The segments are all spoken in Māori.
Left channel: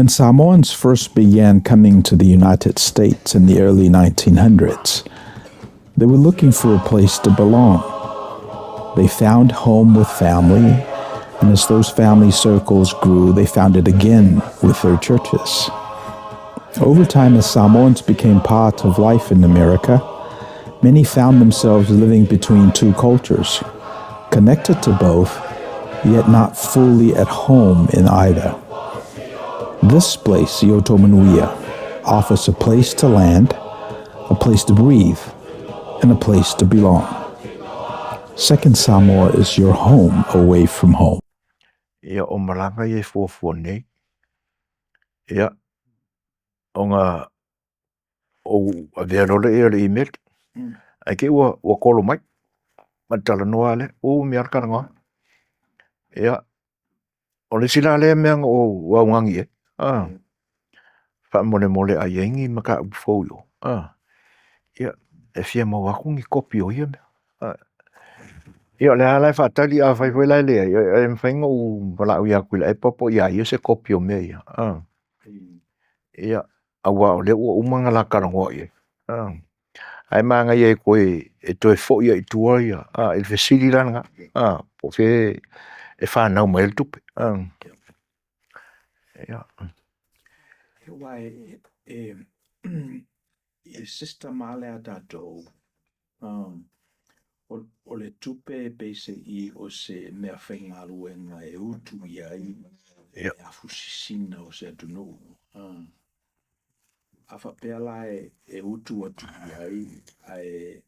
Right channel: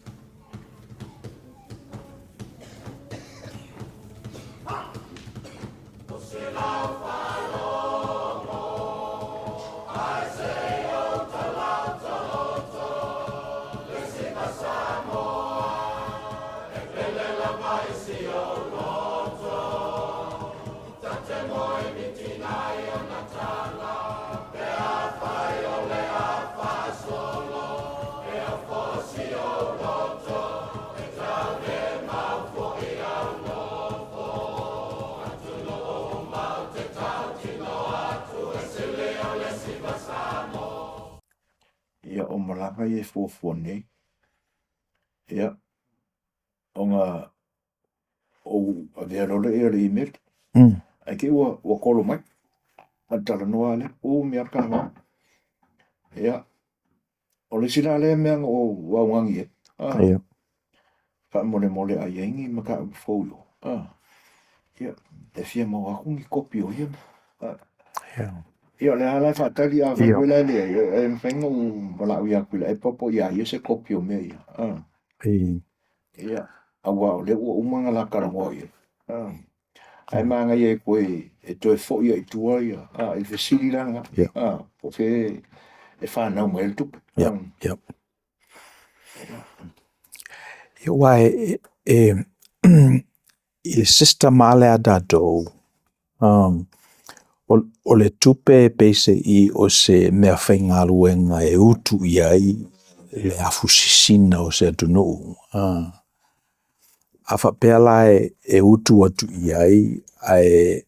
When Samoans first began coming to the United States in the early 1900s, they were looking for a place to belong. They found home with family, and as those family circles grew, they found it again with their churches. Over time, as Samoans became part of life in America, many found themselves living between two cultures, connected to both, yet not fully at home in either. This place, Manuia, offers a place to land, a place to breathe, and a place to belong. Second Samoa is your home away from home. Ia o malanga ia fuafua nei. Ia o ngā o avea nore ia le email. Ai ke ua kolo mai. Matala noa le. O mi arka ngā. Ia. O le sila le meanga o waungangi e. Ia. Wha mole a yengi maka ufoyo. Ia. E fia mawakungi kopi o ia me. Ia le ala whatali a whai lai lea. Ia mwhainga o wala ui aku la e popo ia se kopi o me ia. Ia. Awa o le ua umanga la karangoa ia. Ai manga ia koe e toi fo ia i tua ia. E fesili langa. Po fe e whanau mai le tupe. Ia wai e system ale a datou. O le tupe pese i o se mea whainga luenga e utu iai le afusisina o se atunu. A whapela e utu atu iai ai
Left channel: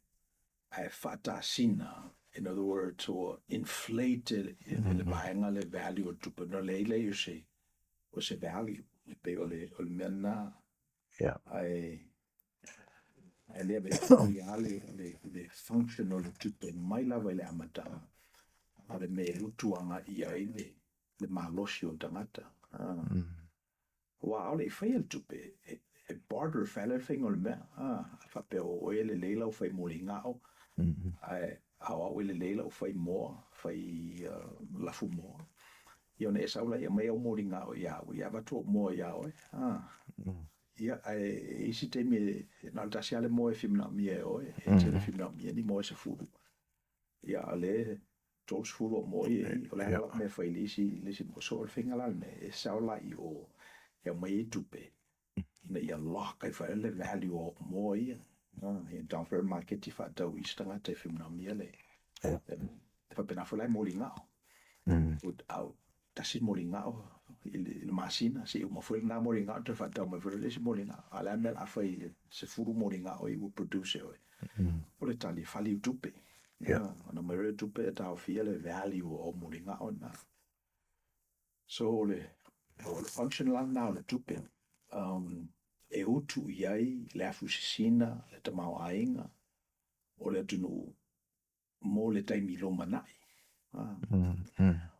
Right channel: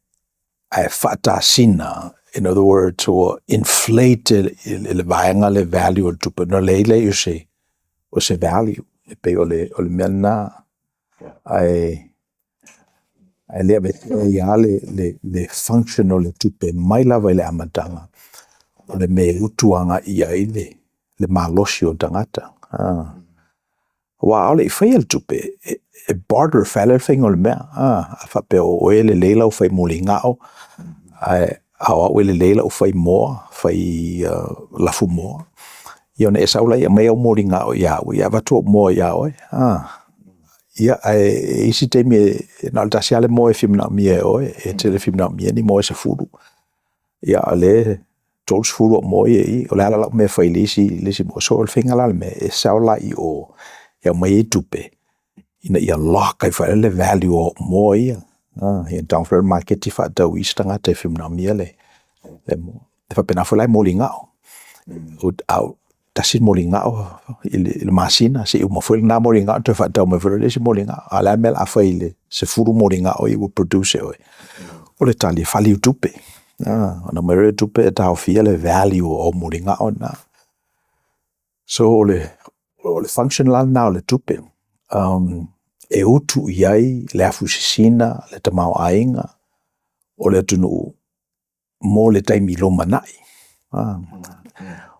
whatasina, in other words, o inflate le vaenga le value o tupe. No leile o se value. E pe o le mena ai lea vete ia le function o le tupe mai lava i le amatanga o le me utuanga ia i le malosi o tangata. Wa ole i whai al tupe e barter whale whainga o le mea. A whape o e le leila o whai moli ngao awa o e le leila o whai moa, whai lafu moa. Ia ne e saula ia mea o moli ngao ia watu o moa ia oe. Ia e isi te mi na alta siale mo e fimna mi e oe e te le fimna mi ni mo e se furu ia ale tol furu mo e o la me fai lisi mo so el finga la me e saula i o ia mai tupe ina ia lock ai fa le value o mo ia ia down for market fa da wistanga te fimna mi le mo fa pena fa lai mo lingao out tasin molinga o il masina se uma foi na molinga to fa tau me foi le molinga ala mel a foi le se furu molinga o will produce o le tali fali tupe na mere tupe ta ofia le value o molinga o na so le function la na le tupe e utu iai le afusisina le tamau ainga o le tunu mo le taimi lo manai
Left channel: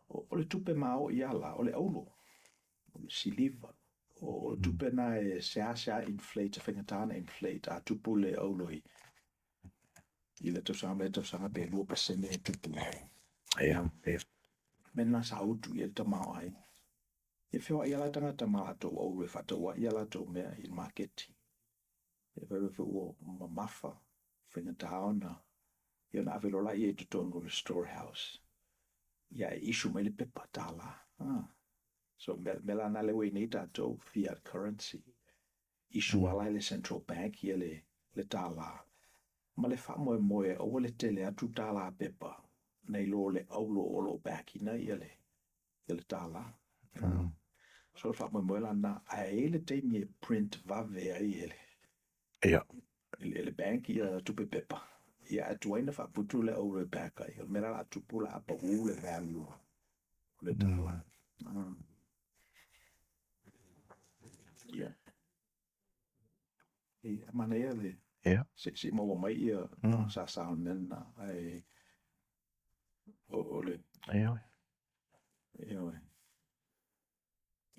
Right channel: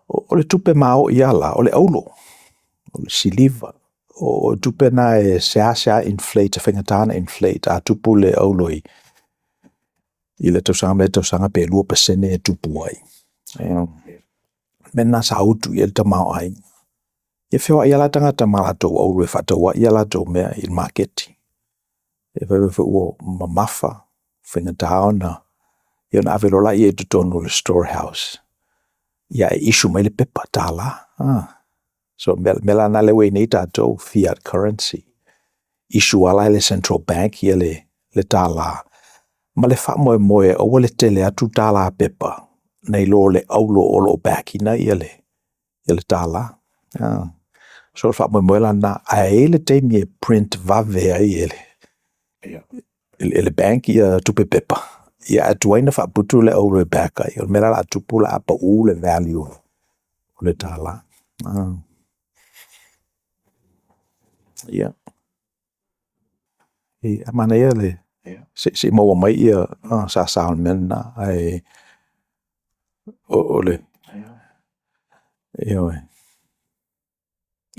o le tupe mao iala, o le aulo, o le siliva, o tupe na e sea inflate, whengatana inflate, a tupu le aulo i le tausanga pe 2% e tupu ai. Mena sa utu i le tamau ai. Ia whiwa iala tangata malatou aulo e whataua iala tau mea i marketi. E whaiwa ua mamafa, whengatao na, ia na avelola i e tutonu le storehouse. Ia e isu mai le pepa tala. So mela na le wei nei tātou fiat currency. Isu ala le central bank ia le tala. Ma le wha moe o le tele atu tala pepa. Nei lo le aulo o lo bacina ia le tala. So le wha moe la na a le teimi e print vave ai le bank ia tupe pepa. Ia atuaina wha putu le aulo backa. Ia mela la tupu la apa u le value o le tala. Ia. Ia mana ia le. Se maua mai ia sa saun mena ai o le. Ia.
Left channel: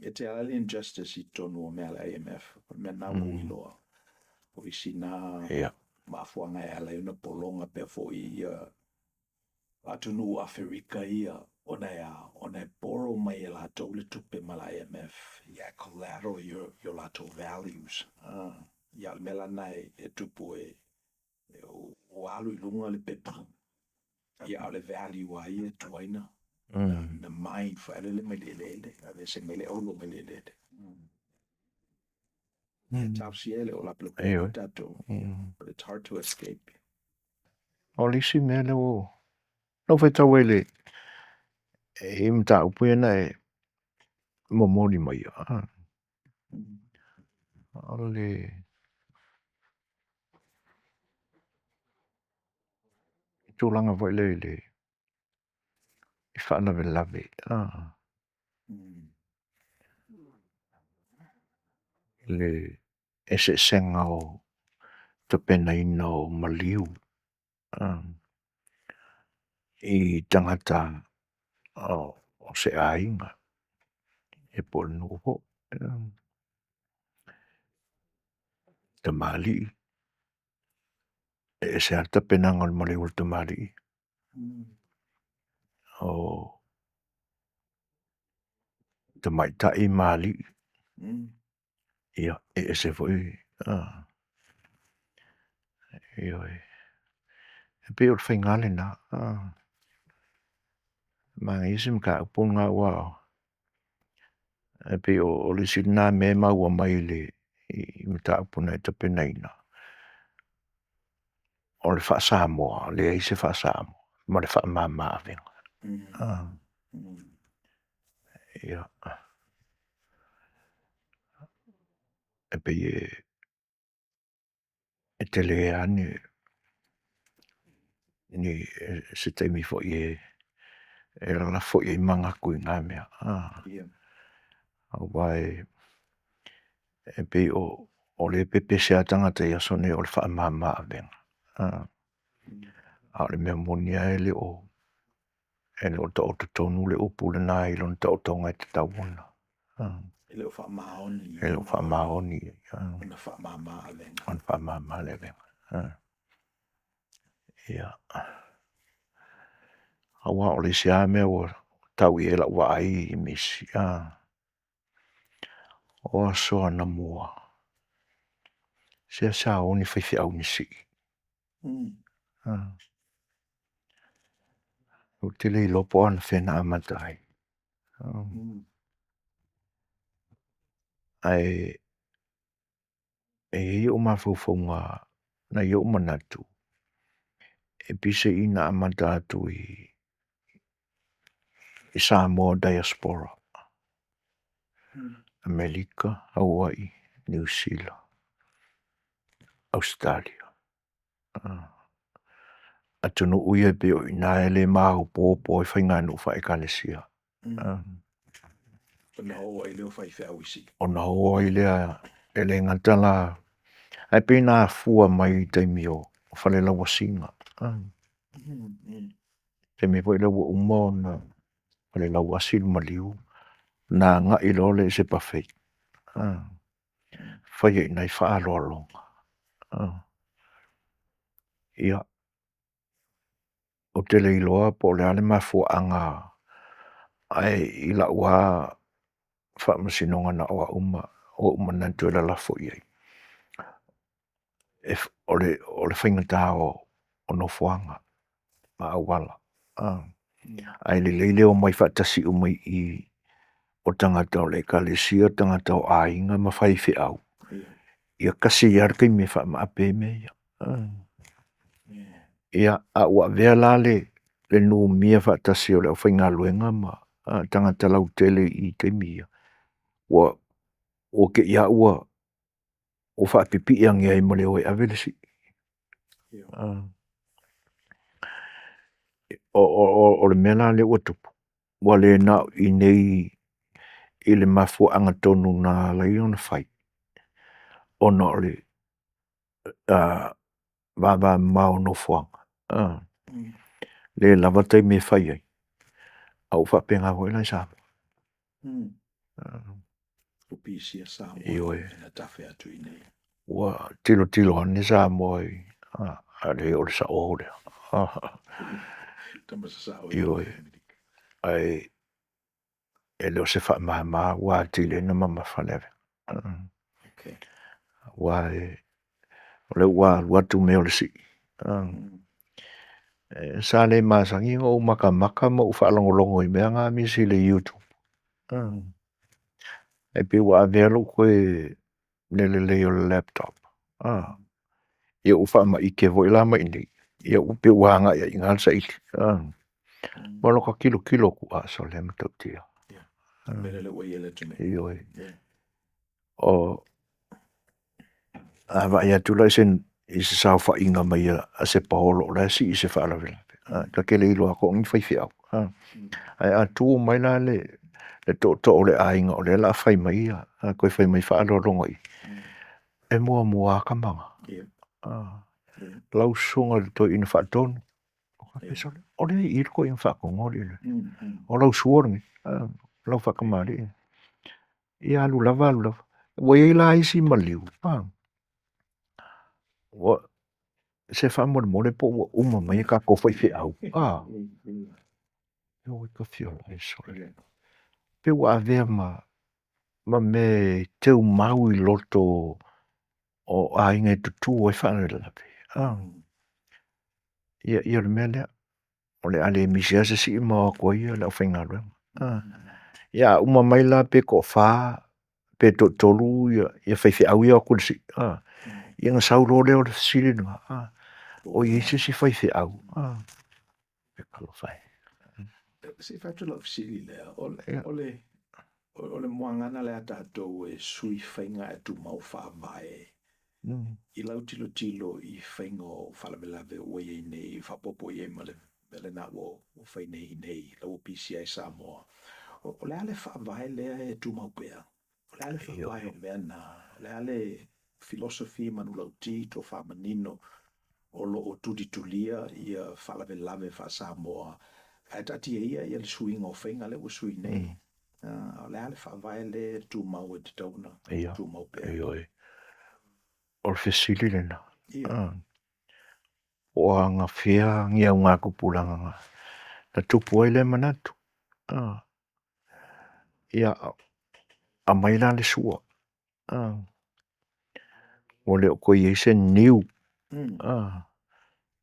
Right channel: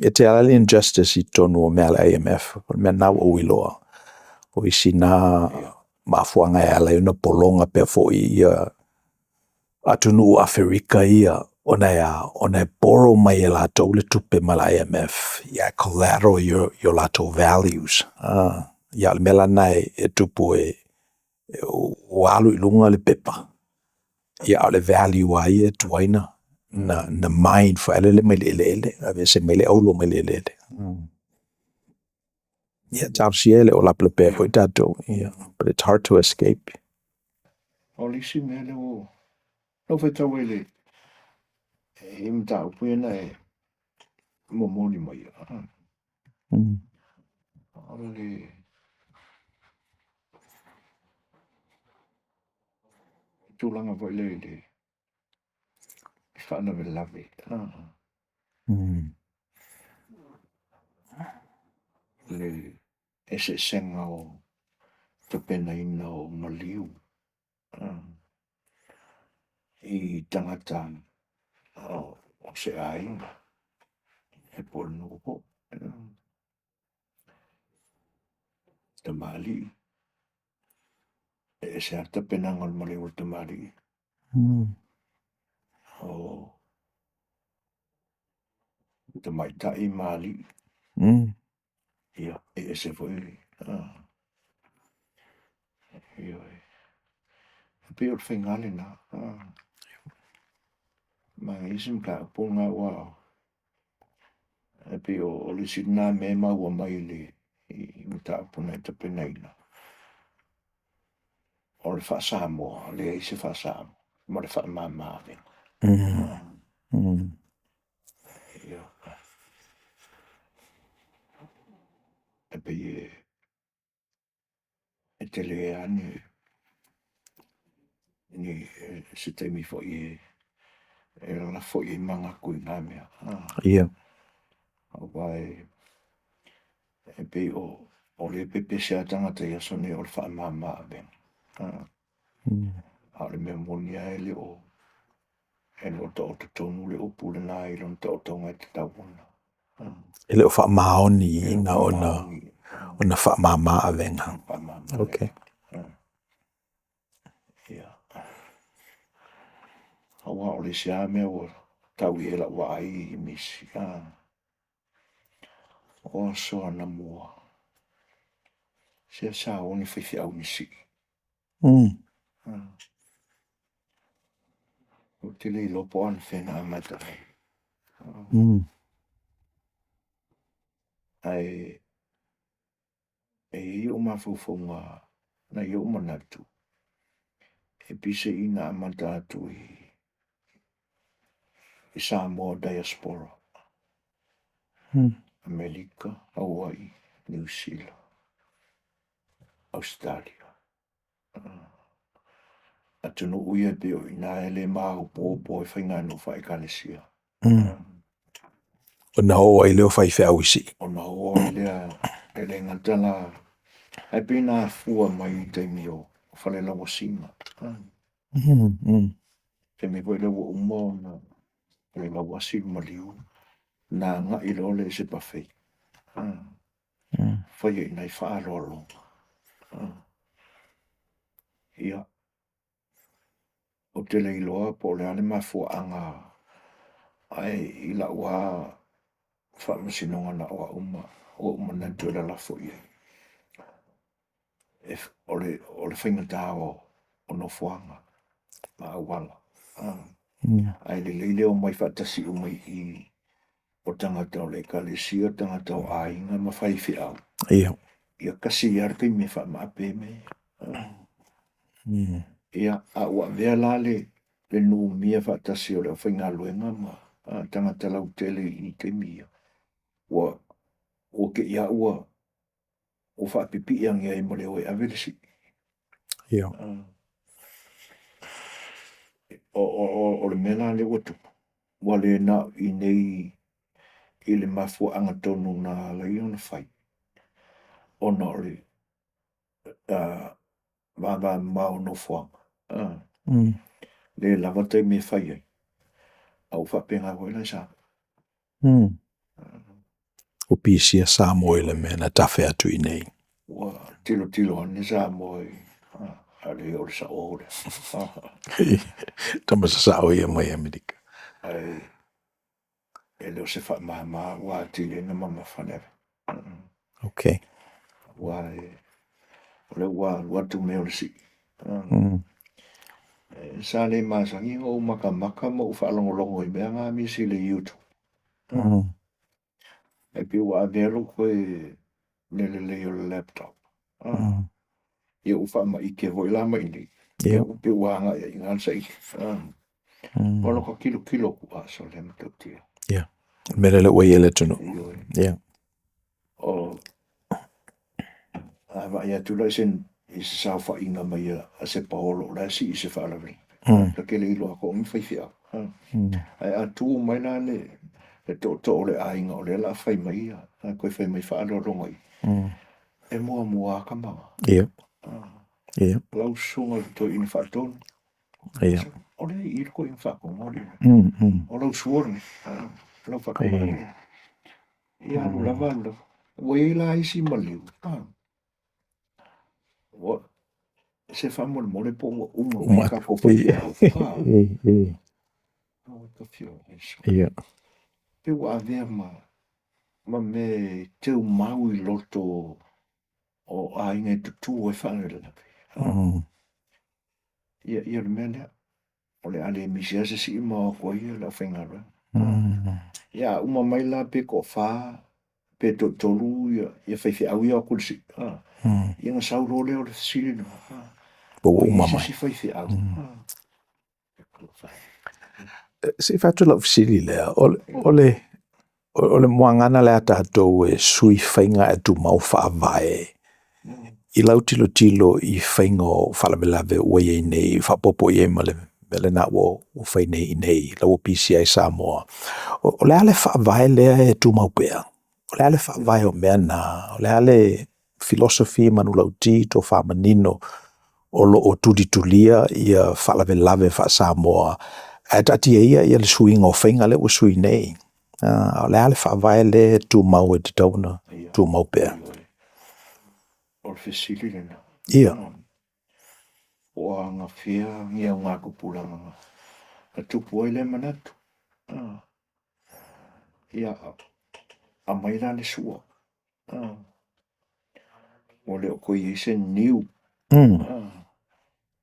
E te ala le injustice i tonu o mea le IMF. Mea na o iloa. O isi na mafuanga e ala una polonga pe fo ia atunu Afrika ia ona borrow mai e lātou le tupe ma la IMF, ia collateral your lātou values. Ia le mela nai e tupu o alu I lunga le pepa. Ia le value ai e tuaina na mind for ele mai le ave se mai le aulo mai le. Ia tarsiele o la plepe ko tato. But it's hard to escape. O lisi mele o. No fai tau ele. E mta upuena e momori mai. Ale tūlanga vai le. I whanave lave. Le ese senga o te pena ina o maliu. I tangata o se ainga. E pol nuho. Te mali. E se arta pena ngal maliu te mali. O te maita I mali. Ia, e se foi. Ia e. E pe o whaingale na. Mga isim ka upunga wao. E pe o le sina me maua mai le I mta upuna e te penaina. O le wha Samoa, le eise wha Samoa. Ma le wha mama avenga. Ia. E pe e te le ane ni se te mi fo e la fo I manga kui ngā mea. Ia. Au vai e pe o le pepe se atanga te asone o le wha mama avenga. Au le mea monia e le o ta o te tonu le upu le nā I lon ta o tonga te tauona. E le o wha maoni E le na wha maoni. ona wha mama avenga. Wha mama Okay. Ia. Awa o le sia mea o tau I la wa ai I misi. O soa na mua. Sia sa o ni whaiwhi au nisi. O te lei lopo ana whena amatai. Ai e o mawhauwhaunga na I o manatu. E pise ina amatatu I Samoa diaspora. Amerika, Hawaii, New Zealand, Australia. Atunu uia pe o ina ele mahu pōpō I whainganu whaekalesia. Ona o ai leo whai whau isi. Ona hoa I lea ele ngatala. Ai pēnā fua mai teimi o whale lawa singa. Te me poi lawa umao na whale lawa sinu maliu. Nā ngā ilole se pawhei. Whai e nei whaaloalonga. Ia. O te leiloa po le ale mafua anga. Ai I la ua whaamasinonga na oa uma. O uma na tuela la fui ei. O le whaingata o no fuanga. Ma awala. Ai le leile o mai whaatasi umai I o tangata o le kalesia, tangata o ainga ma whaiwhi au. Ia. Ia kasi arkai me wha maape me. Ia a ua vea lale le nu mia whaatasi o le o whainga luenga ma tangata lau tele I te mia. O ke ia ua o whaapipi angia I mole o e avelesi. Ia. O le mena le ua tupu. Wa le na I nei I le mafua anga tonu na lai ona whai. Ona o le vava mao no fuanga. Le lavatai me whai ai. Au whapenga hoi lai sa. O pisia Samoa le mena tawhi atu I nei. Wa tilo ane sa moi. Ale o le sa o le. Tamasa sa o I mai Amerika. ai leo se wha wa tile na mama whanere. Okay. Wa le wa tu me o le si. Sa le masangi o maka mo whaalongolongo I mea ngā misi le YouTube. E pi wa avelo koe le o le laptop. Ia ufa ma ike vo ila ma ini. Ia upe wanga ia ingal sa ili. Walo ka kilo ku aso le mtautia. Yeah. Mele le wei ele tunu. Yeah. O ava ia tula isen isi sa fa inga mai a se paolo la si isi fa ala vela. La ke le ilo ako ngi fai fiau. Ai a tu mai la le to le ainga o le la fai mai a koe fai mai fa alo longo I. E mua ka manga. Yeah. Yeah. Lau sunga to ina fa tonu. Yeah. O le I ko in fa ko ngori. O lau suor lau fa ka mari. Ia lu lava. Wai la isi maliu. O se fa mo le po uma mai ka ko fai fiau. No ka fiau. Yeah. Pe wa ave ma me te mau I loto o a inga tu o fa na la. Ia le mele o le ale misia se si ma ko ia la fainga ro. Ia uma mai la pe ko fa pe tolu ia fai fiau ia ko si. Ia nga sau ro le o si no. O ia si fai fiau. Pe fai. Se fatu la fisili le o le moangana le ata to e sui fainga e tu mau fa vai. I lau tilo I whaingo whalamelawe ua iei nei, whapopo iei mele na wo whai nei, lau PCA Samoa. O le ale whaavai lea e tu maupea. O le ale whaavai o mea na, o le ale philosophy manu lau tito whamanino o lo o tuditulia ia whalamelawe wha Samoa. E tati ia le suinga o whainga le ua sui nei. O le ale whaavai lea tu mau e te tauna, tu maupea. O fesili lena. Ia. O nga fea ngia ngā kupulanga nga. Na tupu ele manatu. Ia a maila le sua. O le o koe ese niu.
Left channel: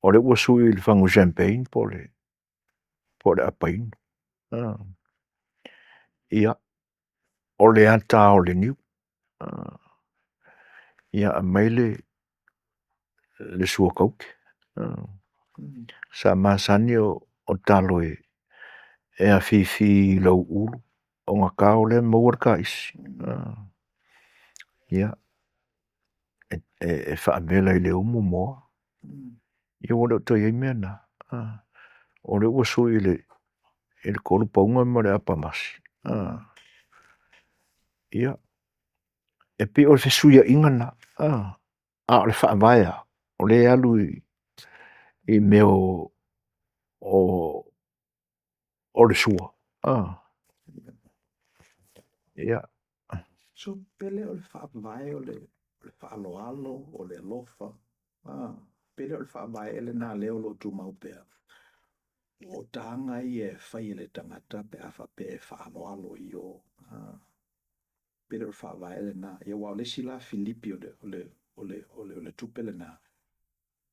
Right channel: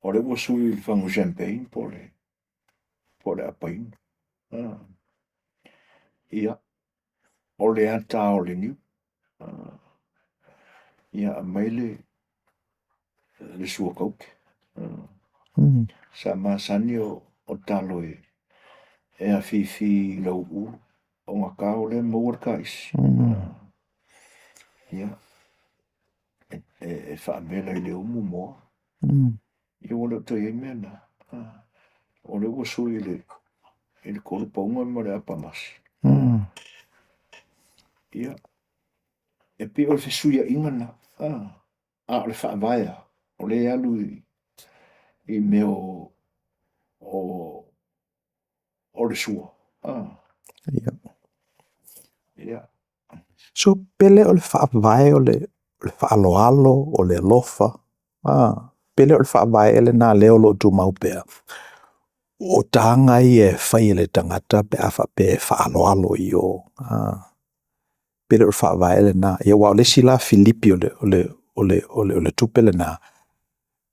O le ua sui le whangu champagne po le apain. Ia o le ata o le niu. Ia a maile le sua kauke. Sa masani o talo e a fifi lau ulu. O ngā kao le mauar ka isi. Ia e whaamela I le umu moa. Ia wale o toi e mea na. O le ua sui le kolu paunga ma le apamasi. Ia e pi o le fesuia ingana. A o le whaamaya. O le alu I meo o le sua. Ia. Ia. So pele o le whaavai o le whaaloalo o le lofa. Pele o le whaavai ele nā leo lo tu maupea. O tanga I e whai ele tangata pe awha pe whaaloalo I o. Pele o le whaavai ele nā. Ia wao le sila Filipi o le tupele nā.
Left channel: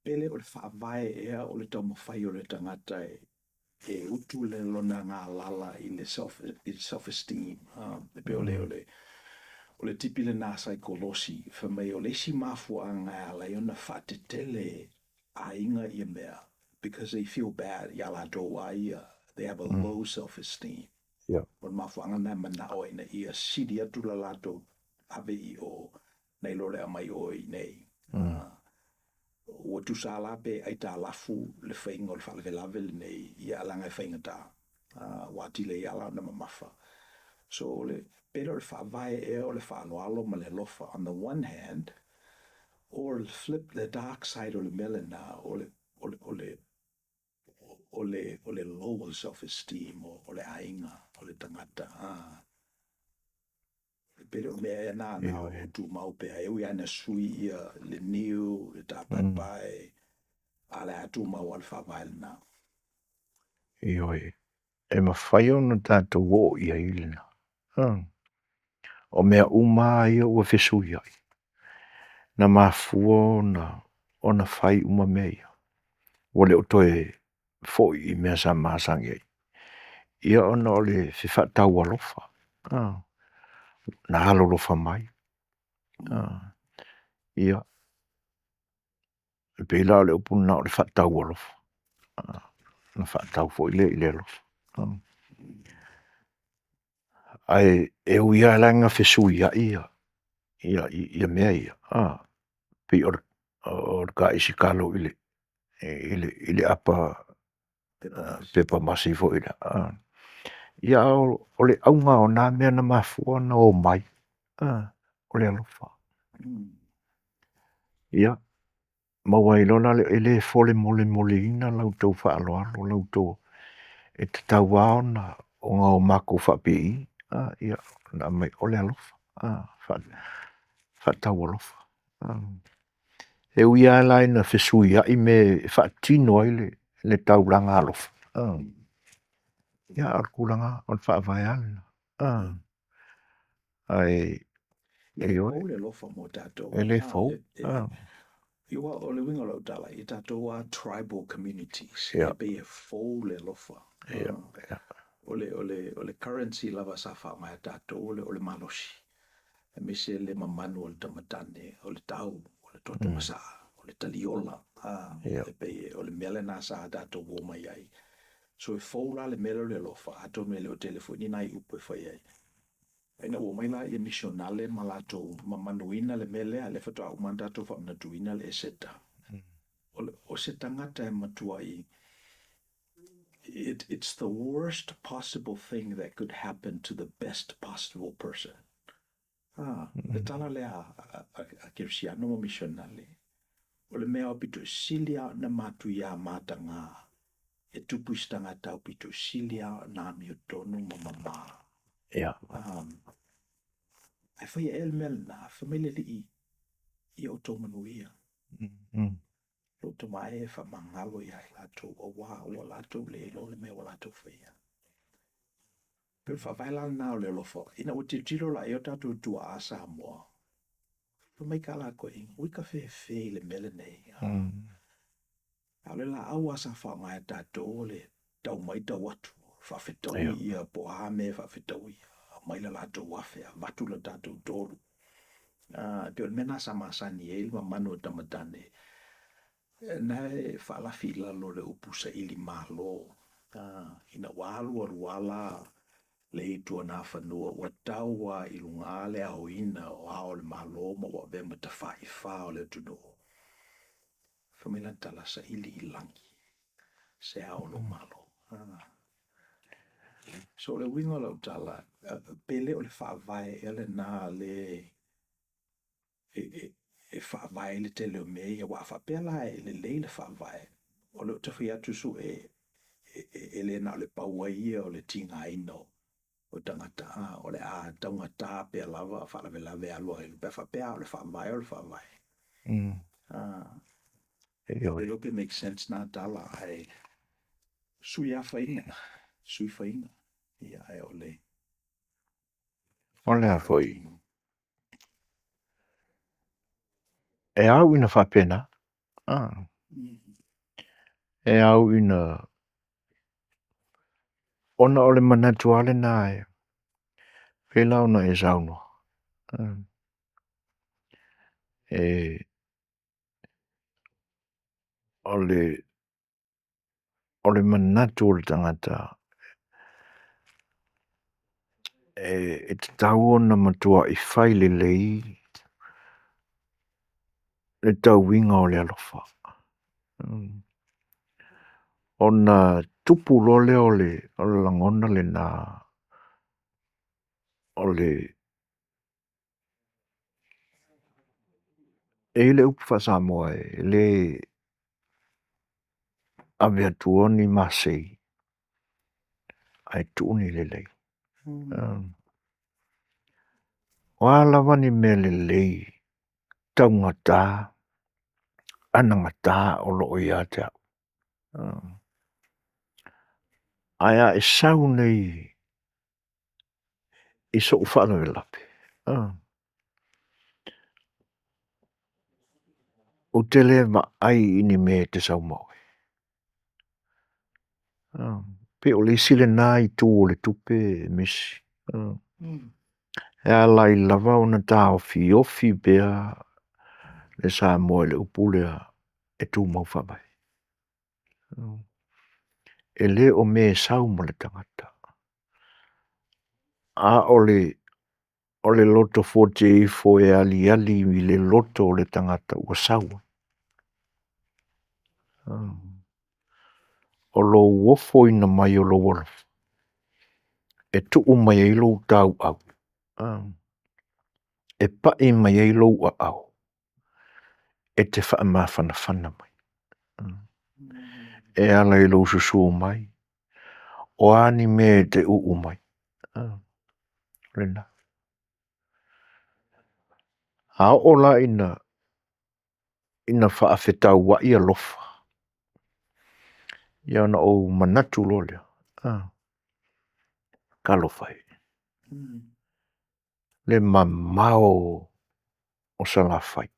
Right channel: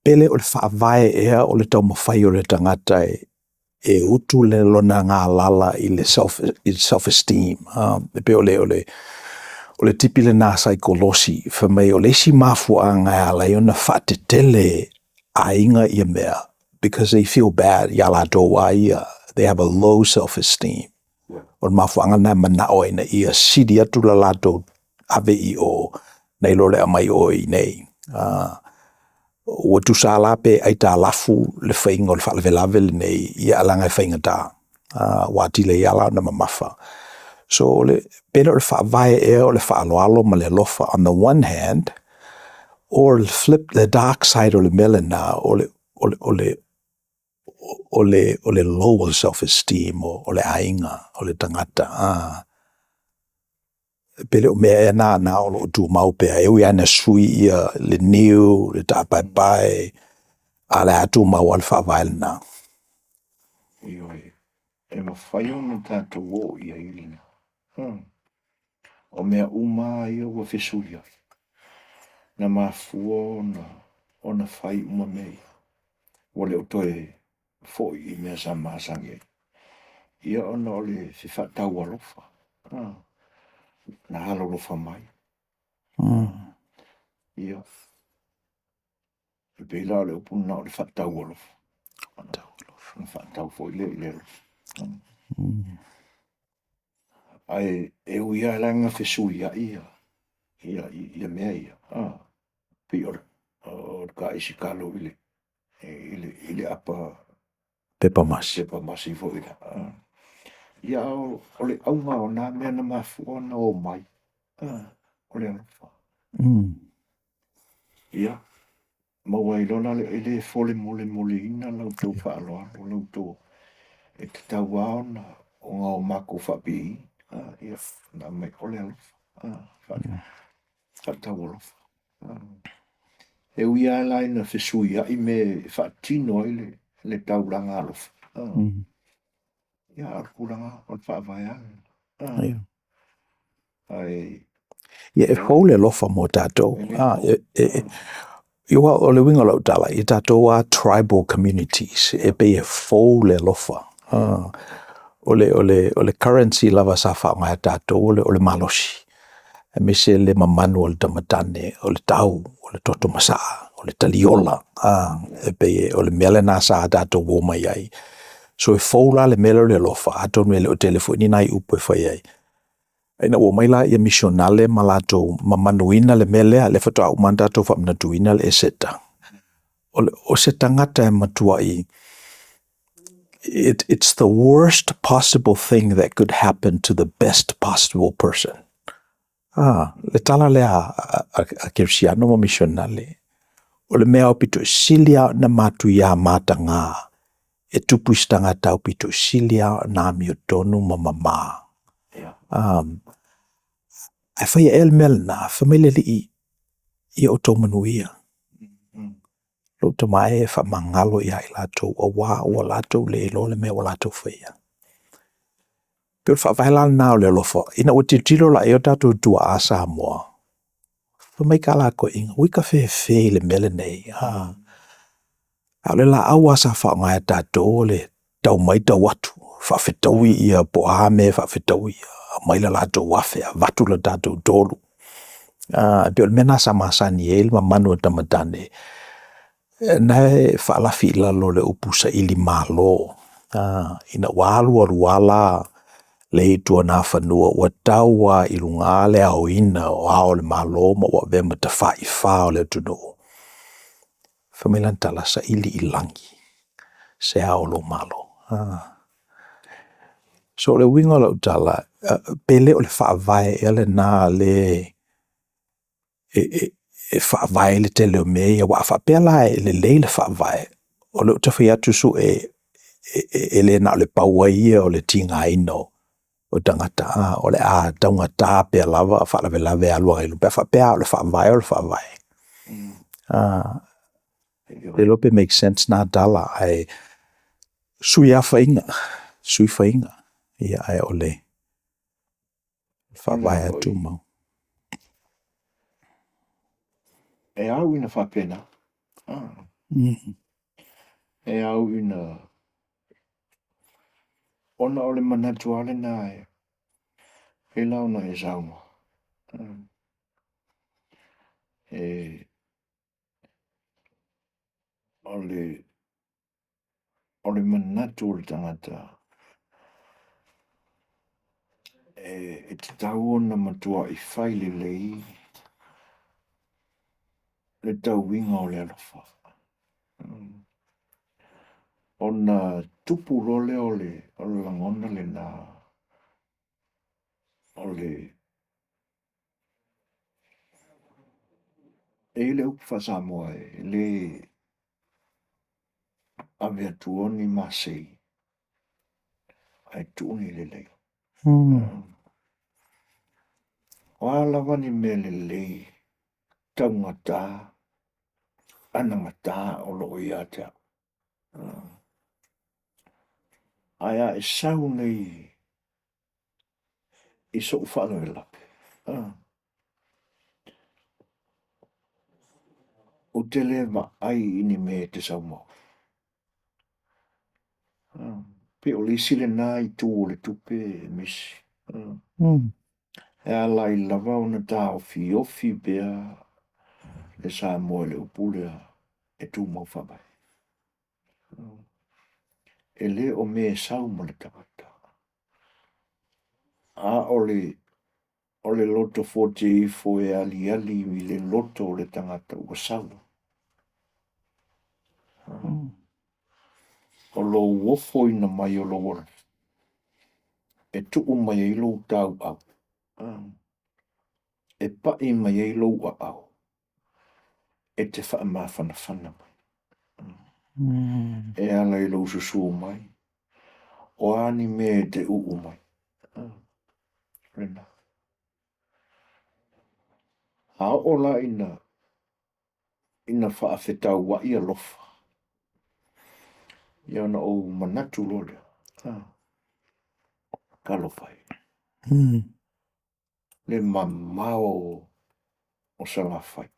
Pele o le whaavai ea o le tau mawhai o le tangata e utu le lona ngā lala I le self-esteem. Pe o le tipi le nā saikolosi, whamai o le si mafua ngai ala I ona whatetele a inga I mea, because they feel bad, ia la doa ia, they have a low self-esteem. O le mafua ngai manao ina ia sidi atu la lato ave I o, nei lole amai o I nei. Ua tu sa la pe ai tā lafu le whainga o le whaalawelawe le nei, ia alanga I whainga tā. Wāti le iala na mamafa. So le pena o le whaavai ea o le whaaloalo ma le lofa on the one hand, or flip the dark side o le melena o le lower self-esteem o le ainga o le tangata. Pele o mea e nā o lo tu maupea e ui ana sui ia le niu, le tāpai, a le atu mau al whaavai le nā. Ioi. e mawhai ona tātou o ia ilina. O mea uma ia ua whesui ai. Na mafua ona whai uma mea ia. Wale o toe foi I mea sa maasangi ai. Ia ona o le whiwhatau alofa. Na halo lofa mai. Ia. E pēla o le upuna o le whatau alofa. Na whatau foi le I le alofa. Ai e uia langa whesui ai ia. Ia mea ia. Pi o ka isi kalo ile apa Pepa masi. Pepa masi fo ila. Ia o le aunga o nā mea na mafua na o mai. O le alofa. Ia. Mawai lona ele fole mole ina lau tau whaaloalo lau tau e te tau ao na o ngā o mako whapi. Ia. Na mai o le alofa. Whatau alofa. E uia lai na whesui ai me whaatino ai le tauranga alofa. Ia arkulanga o le whaavai ale. Ai. Ia e fau le lofa mo tātou. Iwa o le winga lau tala, I tātou a tribal communities, e pe e fau le lofa. O le currency lava sa whaonga tātou, o le malosi. E me se le mamanu o le tamatane, o le tau, o le toto masaa, o le taliola. E pe o le mele nā sa tātou wō mai ai. So e fau la le mele le lofa, ato mele o telefoni nai upo e whai ai. Ina o mai la ia misionale ma latou mamanuina le mele le fato au manda to fa mnatuina le seta. O se tangata e matua I. It's the worst possible thing that could happen to the best possible person. Le tala le a kersiano mo misionale. O le mea o pito silia na matuia matanga. E tupu istangata o pito silia na miotonu mamama. Ai whai el mel na familia li I o tō Manuia. Lo tō mai e wha mangalo I ai lātou o wā o lātou le ilo le mea o lātou whaia. Pio wha vailana nā o le lofa. Ina o te tilo la e o tātou tua a Samoa. Whamai ka lāko inga. Wika whewhe le mele nei. Au le la au asa wha ngai tātou le tau mai tau atu. Wha whetaui ia po ame, wha whetaui ia. Maila lātou wafe, watu la tātou tōru. Pio le mena sa masani e ilma manu o tamatane. Nai whaalafi lalo le upusa ili malo. Ina walu aruala le itua nā whanua. Ua taua ilunga le au ina o ao le malo ma ua vema ta whai whao le tuno. Whamilan tala sa ili ilangi. Se ao lo malo. So le winga lau tala, pele o le whaavai ele nā le e whaavai le te leo mea, wa whaapela e le leile whaavai. O le utawhi atu su e le nā o le paua ia o le tinga ino o tangata, o le a taunga tā pia lava, whaalawe lawe alua ilu, pia whaapea o le whaavai o le whaavai. Le lope make sense nā tala, ai sui a whainga, sui whainga. Ia ai ole. Whaavai atu mau. E au ina whapena. E au ina ona o le manatuale nā e. Pēla ona e sauno. O le manatu o le tangata. E te tau ona matua I whai le lei. Le tau winga o le alofa. Ona tupu lole o le langona le nā. O le e le upu Samoa e le ave atua ni masei. Ai tuuni le lei. Wala wani me le lei. Taungata. Anangata o loo ia te. Aia e sau nei i so whana e lape. O te le ma ai ini me te sau mau. Pe o le sile nā i tū o le tupe e misi. E ala i lava o na tā ofi bea le sā moe le upulea e tū mau whamai. E le o me sau mo le tangata. A o le loto 48 e ali i le loto o le tangata ua sau. O lo uofo ina mai o lo wala. E tuu mai e lo tau au. E pa e mai e lo a au. E te wha ma whana mai. E ala i lo susu mai. O ani me te uu mai. Rena. A ola ina wha awhetau wa ia lofa. Ia na o manatu lo lea. Ka lofai. Le mamao o sala fai.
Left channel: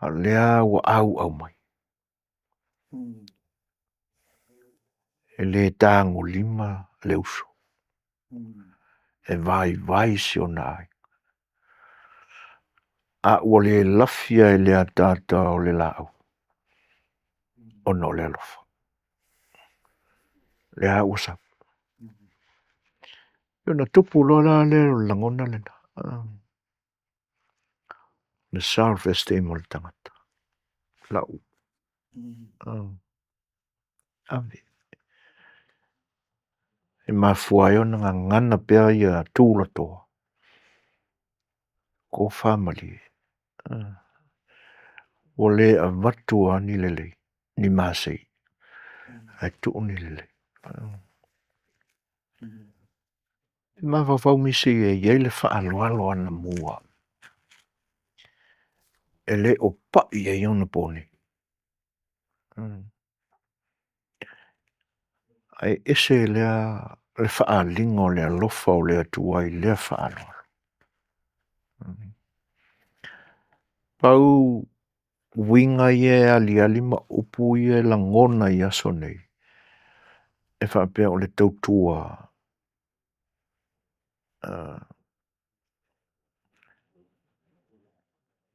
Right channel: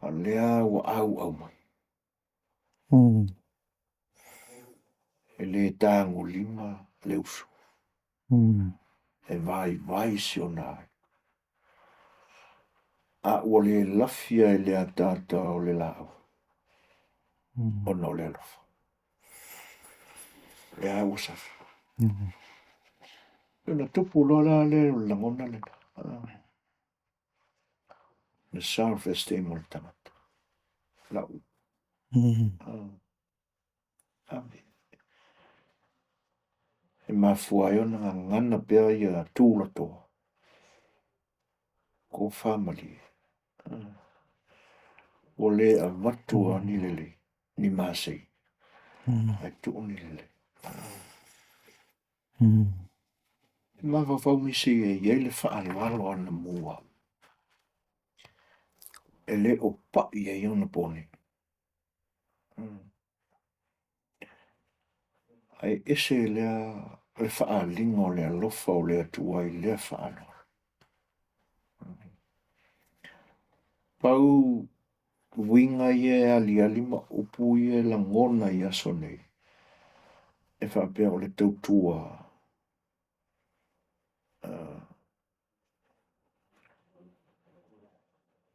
A lea wa au mai. E le tango lima le uso. E vai si o nai. A ua le lafia e le atata o le lau. O no le alofa. Le a usa. Yo na tupu lola le langona le na. Na self-esteem o le tangata. Lau. Ave. E mafua yo na ngana pia ia tūla toa. Ko family. O le a vatua ni lele. Ni masei. Ai tuu ni lele. Ma whawhau misi e iele whaaloalo ana mua. E le o pai e iona poni. Ai ese lea le whaalinga o lea lofa o lea tua i lea whaaloalo. Pau winga ie ali ma upu ie langona i aso nei. E whaapea o le tautua.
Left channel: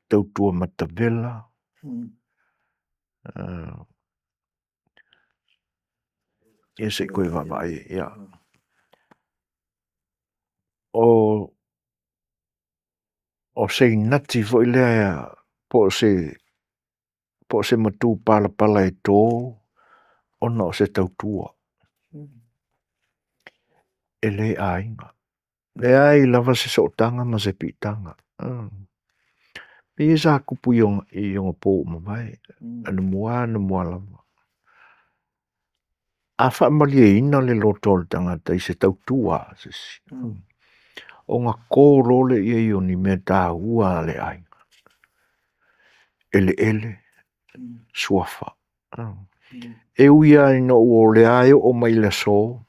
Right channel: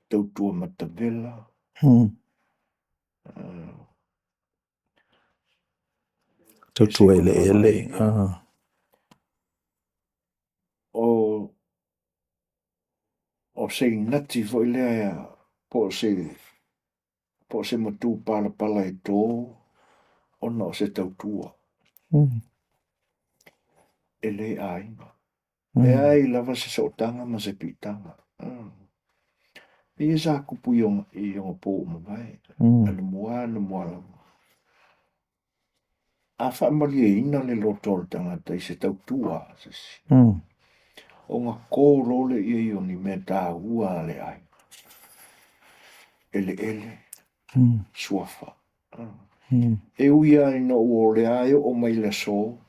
Tautua matavela. Tautua ele. O se nati fo i lea po se matu pala e tō ona o se tautua. E le ainga. E ai lava se sotanga ma se pitanga. E sa kupu i onga pō mamai. Ana mua lava. A whaamali e ina le lotol tangata i se tautua. O ngā kōrole i e ni me tā ua le ainga. Ele. Suafa. E uia ino o le aio o mai le so.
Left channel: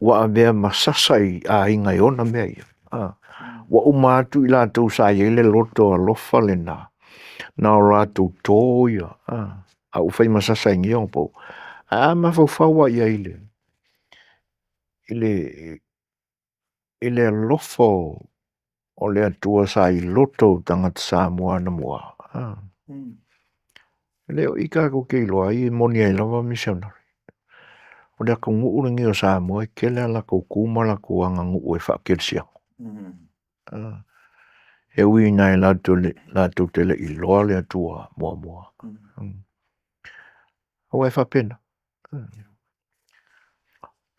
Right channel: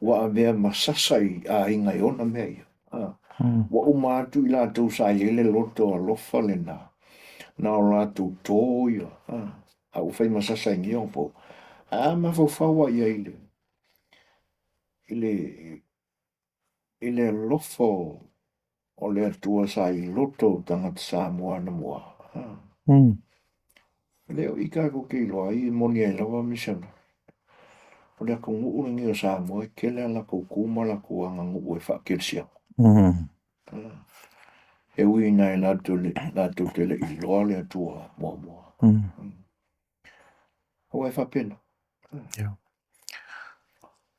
Wa a mea masasai a inga i ona mea ia. Wa umatu i la tau sa i le loto a lofa le na. Na o la tau tō ia. A ufai masasai ngi on po. A ma fau ia ile. Ile lofa o le atua sa i loto tangata Samoa na mua. Leo i kako kei loa i moni ai lawa misionari. O lea ka nguu ringi o Samoa ke lea la kou kuma la kou anga nguu e whakirsia. He ui nai la tu tele i loa lea tua mua. Hawa e whapena.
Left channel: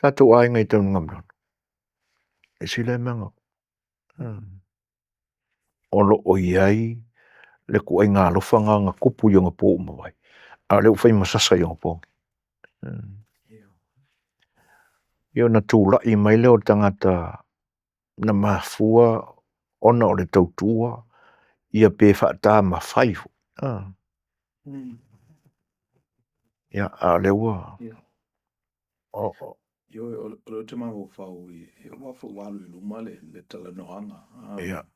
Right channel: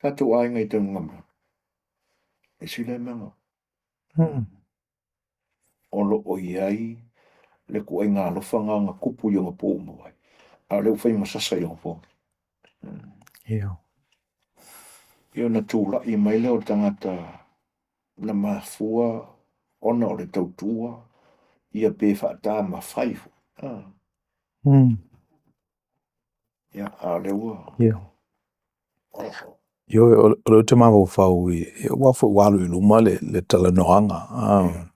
Tatu ai ngai tau ngamran. E sila e manga. Olo o iai le ku ai ngā lofanga ngā kupu i ngā pō mawai. A leo whai masasa i ngā pōngi. Io na tūla i mai leo tangata na mafua ona o le tautua ia pē whaata ma whaifu. Ia a lewa. Yo o te mawo fau I wa fo walu I luma le talanoanga.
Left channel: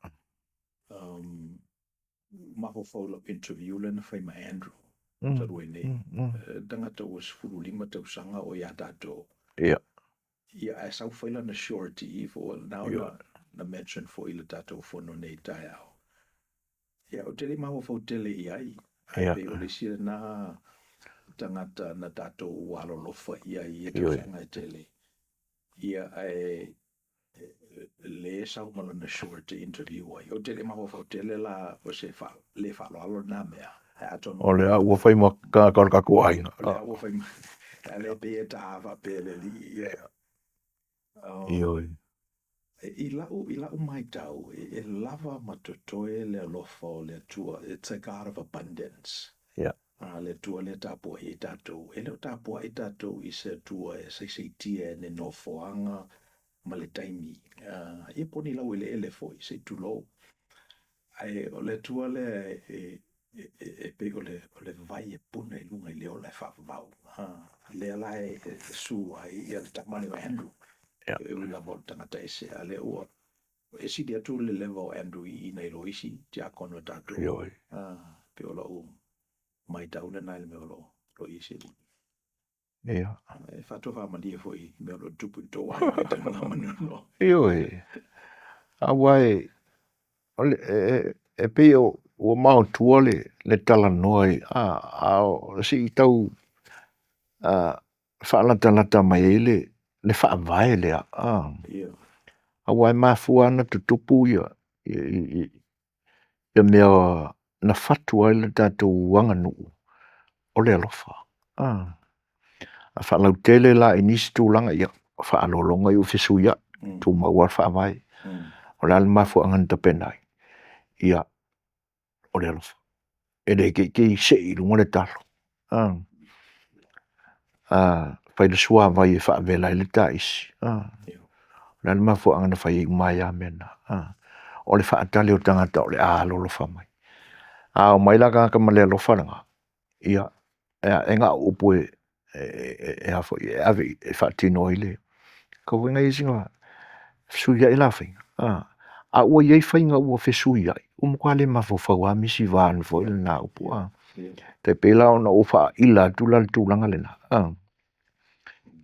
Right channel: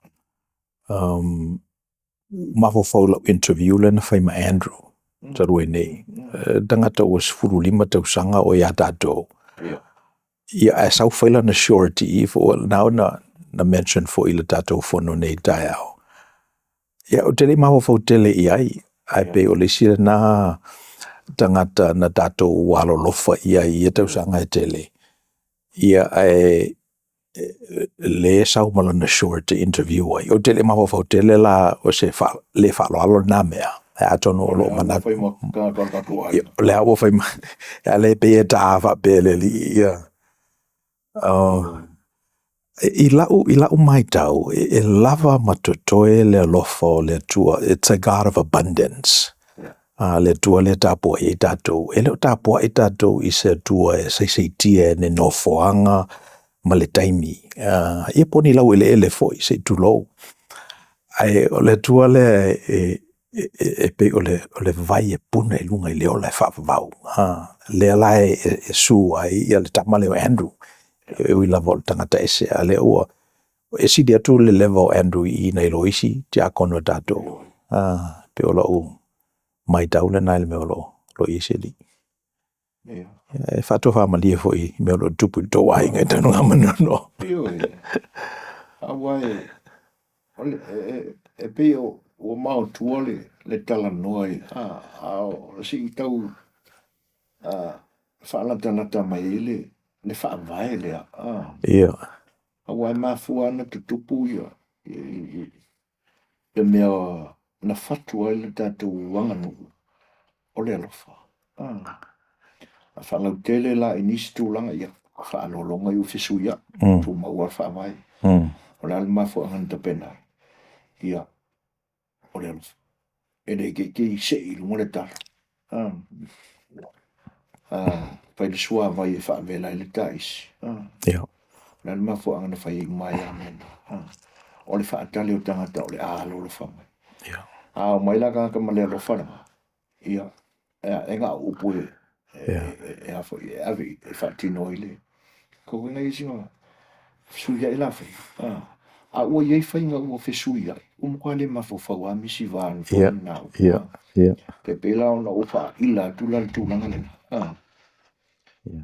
Mafo fau la interview le na fai ma Andrew. Tarue nei. Tangata o sifuru lima tausanga o ia tatou. Ia a sau faila na surety fo now na mention fo ila tatou fono nei tai au. Ia o tele mafo fau tele ai pe o le sira na tangata na tatou walo lofa ia tausanga tele. Ia le sau malo na short interview ai. O tele mafo fau tele la o se le falo alo na mea. Atono le au fai mo ka kuai. Le au fai ma. Le pe ta fa pe le li ia. I lau mai tau e lava matotoe le alofa le tua. It's a God of abundance. Le tua le tapua I tatou. E leo tapua I tatou I se tua e seitia ne no foanga ma le taimi. Ia poni lau ele foi se tulou. Ai o le tua le pe o le vai e puna I lunga I leo le whawau. Le ala su ai ia le tamale o Andrew. E ui la vol tangata ese a le ua. E si dia tu le level Andrew I nei loisi ti a kono tatou. Pe o lau mai tau le nai le meo lo isi li. E whato whamalia foi meo lo tupu tō ai ngai tanu amanono. Awai, e pe o mau tua le tala noi, si tau whaalantalata mai le whaavai lea. Awai mafua ana tutupu ia mea na fatua le tatou wanganu o le alofa. A whaalau tele la inisi tūlanga ia whaalolonga I uwhisu ia, tu maua whaavai. O le ale mafua angan tapenai. Ia, o le alofa. E le ke se I lunga le talo. Pai le sua vai e whaavela I le taisi. Le ale mafua angan whai mai amena. O le whaatale o tangata o le aalolo whamai. O mai la ka ma le alofa langa. Ia, enga upu e hafo I ave e whaatino I le. Ka wenga I singa suia I la whai. A ua iei whainga ua whesuia. Umukua le mafofau a misi vaan fona na upua. Te pela ona ufa ila tula tūlanga lena.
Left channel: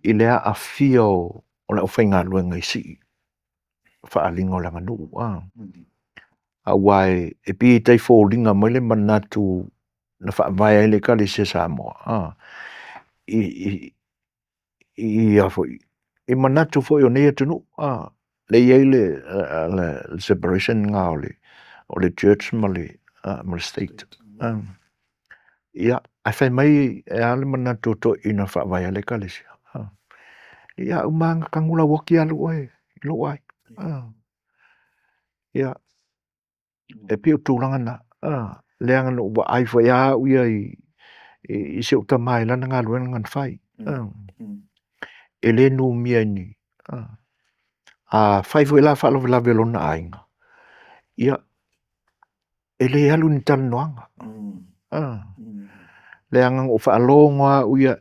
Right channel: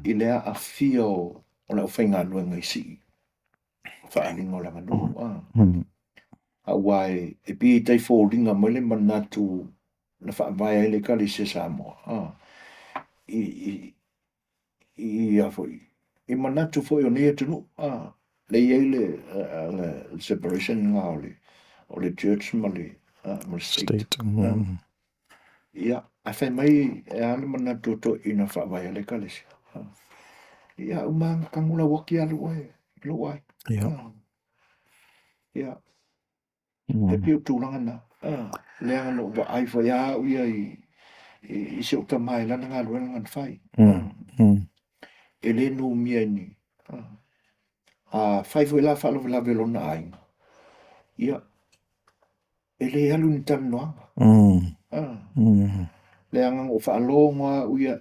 I lea a fia o le o whainga luenga I si. Whaalinga o langa nuu. A wai e pi tai fōlinga mai le manatu na whaavai ele ka le se Samoa. I I manatu fo yo nei tunu. Le iei le separation ngā o le church ma le state. Ia, ai whai mai e ale manatu to ina whaavai ele ka le se. Ia, umanga kangula waki alu ai. Ilo ai. Ia. E pio tūlanga na. Leanga no wa ai whai a uia I se uta mai lana ngā ruena ngan whai. E le nu mia ni. Whai fo ila whaalo vela velona ainga. Ia. E le alu ni tala noanga. Leanga o whaalonga uia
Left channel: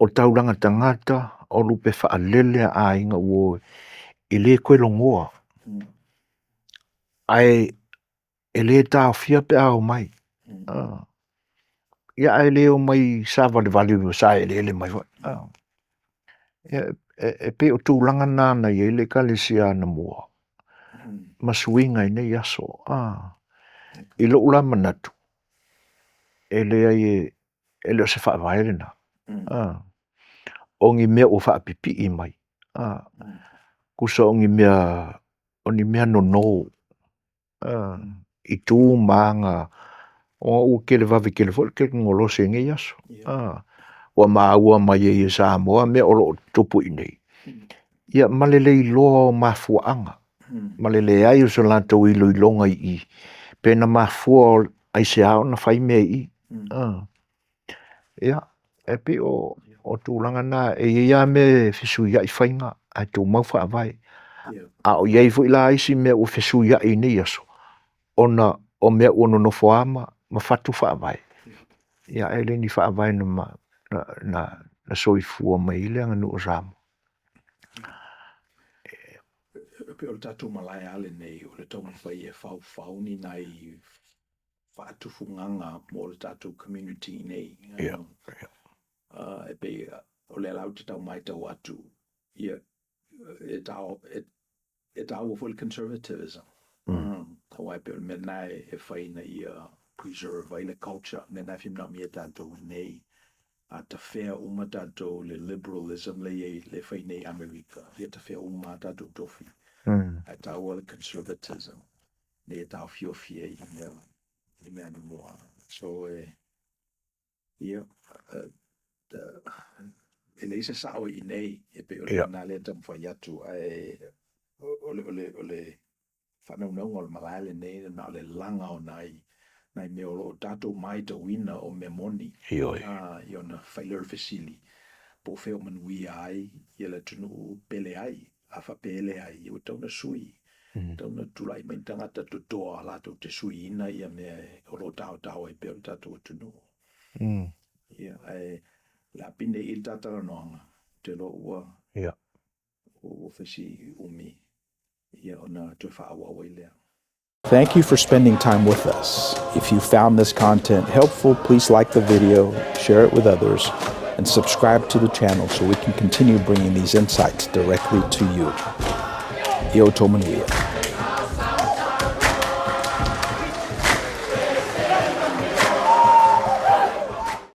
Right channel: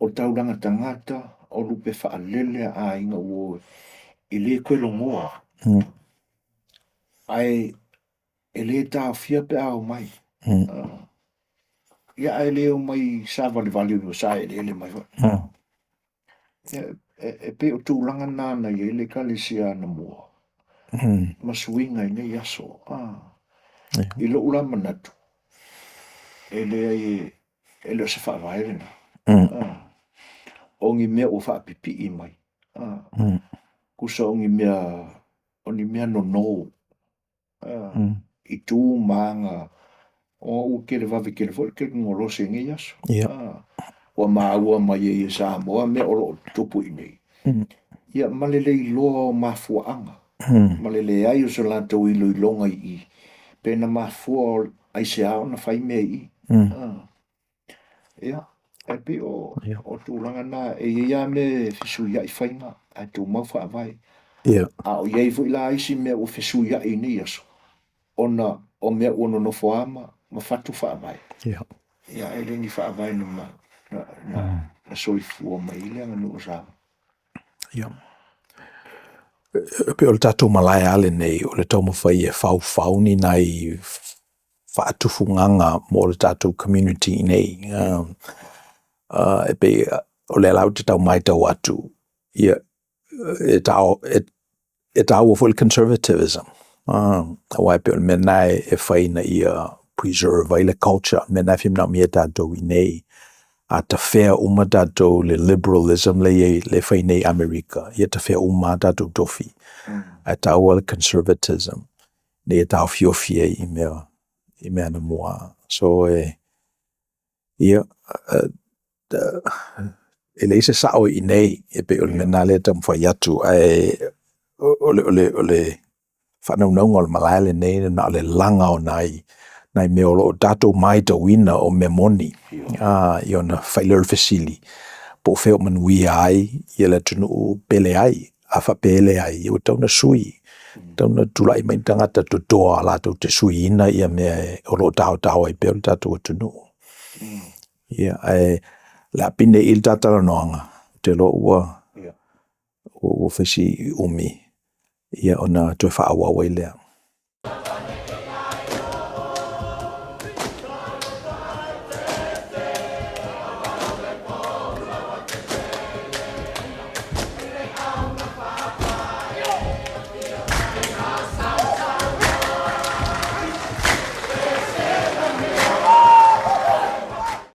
o tauranga tangata o lupe whaalele a ainga uo I le koe longoa. Ai e le tā fia pe au mai. Ia ai le o mai sāwa le valiu sa e le mai. E pe o tūlanga nāna I le kalesia na mua. Masuinga I nei aso. I lo ula manatu. E le ai e le o se whaavai rena. Ongi mea o whaapipi I mai. Kusa ongi mea oni mea no no. I tū maanga o u kele vavi kele fo ke ngolo se nge yaso. Wa maua mai e Samoa mea o tupu I nei. Ia malele I loa o mafuanga. Malele ai o so lanto I lo I longa I. Pena mafua ai se ao na whai mea I. Ia, e pi o tūlanga na e ia me fisu ia I whainga. Ai tū mau whaavai. A o iei fu ila aisi mea o fisu ia I nei aso. Ona o mea ono no foama ma fatu whaavai. Ia e le ni whaavai na na soifua mai le anga no Samoa. Ia. Pe o le tātou malai ale nei, o le tau mawhai e whau ni nai whaatufunganga mo le tātou community nei. E pe o le lau te tau mai tau atu. Ia, e tau o full conservatism. Awai pe o le mena e whaina ia preserve ai le culture. Mena whimna mi e tātou i nei. A ta whea uma tātou le liberalism le whainei Amerika. Ia ta whea uma tātou tofi. A tau le conservatism. Ne e tau whiofia i mea na mua. So ia e le se sao i nei e pe o le na le tam whai atu o le whanaunaunga o le malaile nei na le langa o nai me o tātou mai ta wina o me moni. I ona whailer fasili. Po wheo Manuia ai, i le tunu pele ai, a wha pele ai, i o tauna sui. Tauna tulai mai tangata tutoa la tau te sui ina i a mea o lo tau ai peo tātou tunu. Ia, le apine il tātara noanga, te lo ua o whesi umi. Ia ona tue whaawa wai lea. Thank you for spending time with us. If you found this content helpful, please like the video, share it with others, and subscribe to the channel so we can continue bringing these insights directly to you. Yo Manuia.